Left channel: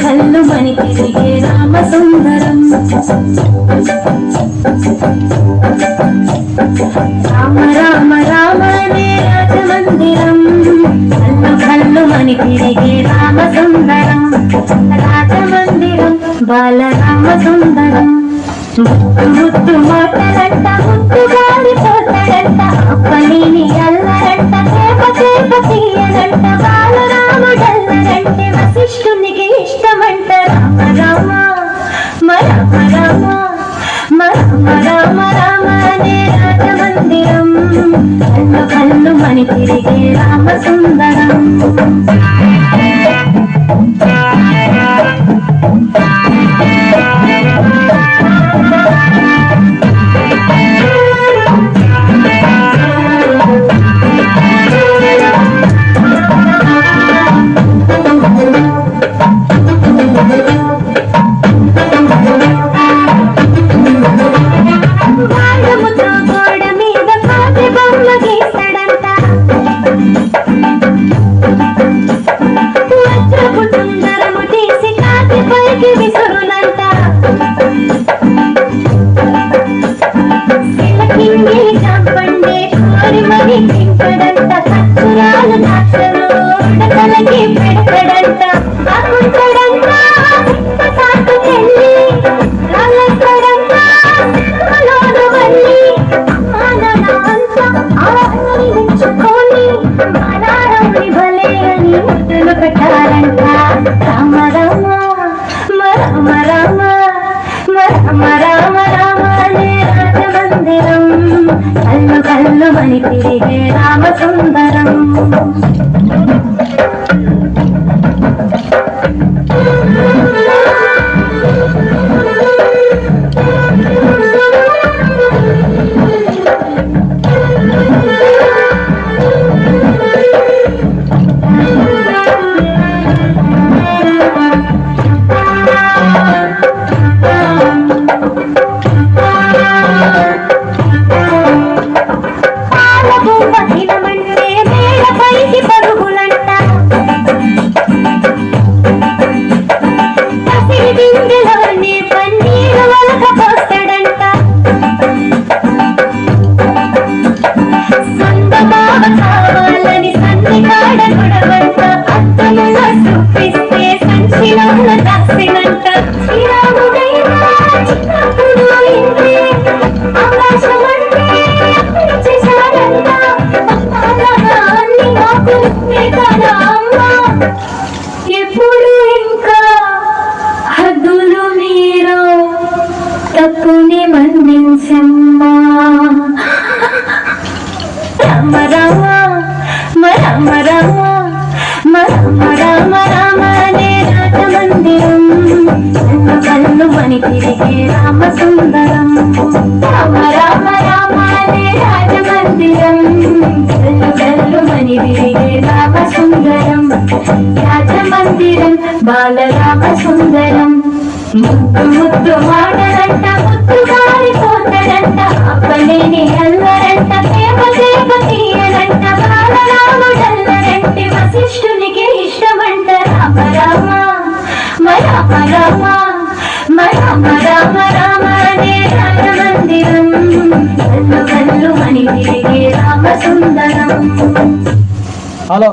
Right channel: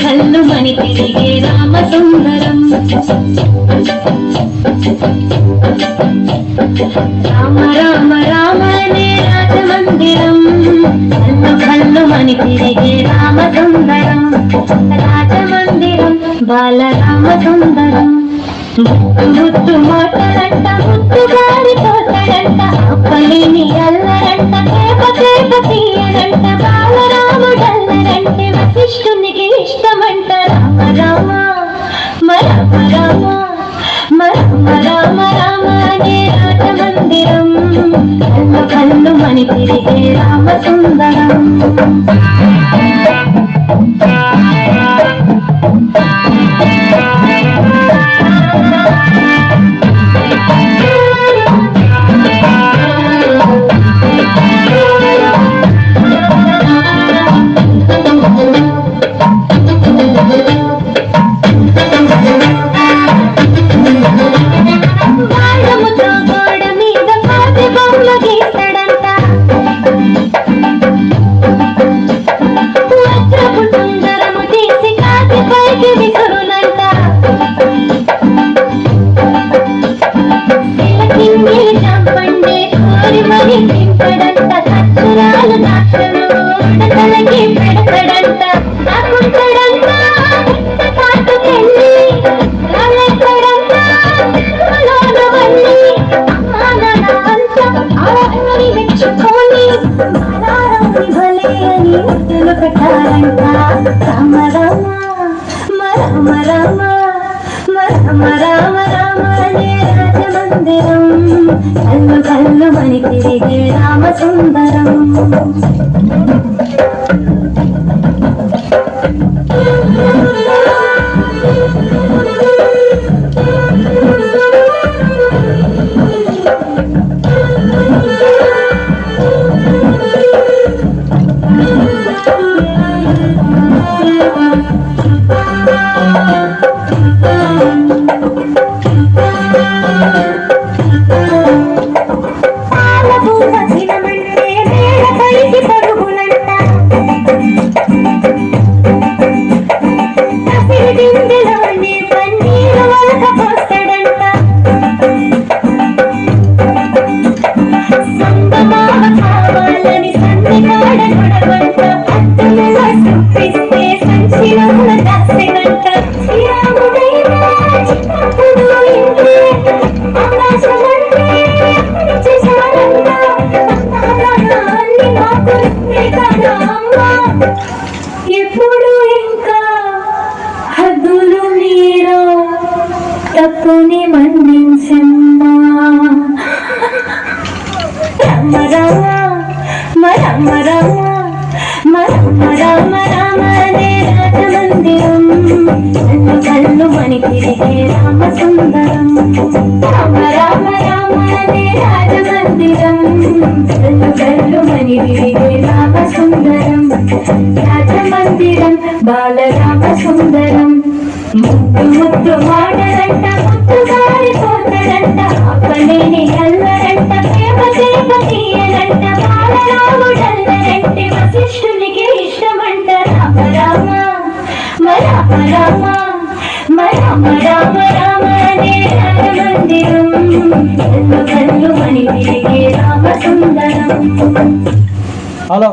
కళ్ళు మని తిరిగే రామ సుందరం రామ రామ రామ నే రాజమందిరం కళ్ళు మని తిరిగే రామ సుందరం రాజమందిరం బాలరామ సుందరం ముద్దు మాటలంట ముద్దు గారి పోతాడంట అప్పలిని అల్లరంట చేప చేప తీయనంట బాలరాముడల్లరంటే వశిష్ఠునికి ఇష్టమంట రామ రామ రామ రామ రామ రామ నే రాజమందిరం కళ్ళు కళ్ళు మని తిరిగే రామ సుందరం కళ్ళు కళ్ళు మని తిరిగే రామ సుందరం ఎప్పుడు ఇంకా హద్దులు మీరు తప్పుని మన్నించమ్మా రామ రామ రామ రామ రామ రామ నే రాజమందిరం కళ్ళు మని తిరిగే రామ సుందరం రామ రామ రామ నే రాజమందిరం కళ్ళు మని తిరిగే రామ సుందరం రాజమందిరం బాలరామ సుందరం ముద్దు ముద్దు మాటలంట ముద్దు గారి పోతలంట అప్పలేని అల్లరంట చేప చేప తీయనంట బాలరాముడల్లరంటే వశిష్ఠునికి ఇష్టమంట రామ రామ రామ రామ రామ రామ రామ నే రాజమందిరం కళ్ళు కళ్ళు మని తిరిగే రామ సుందరం. హలో.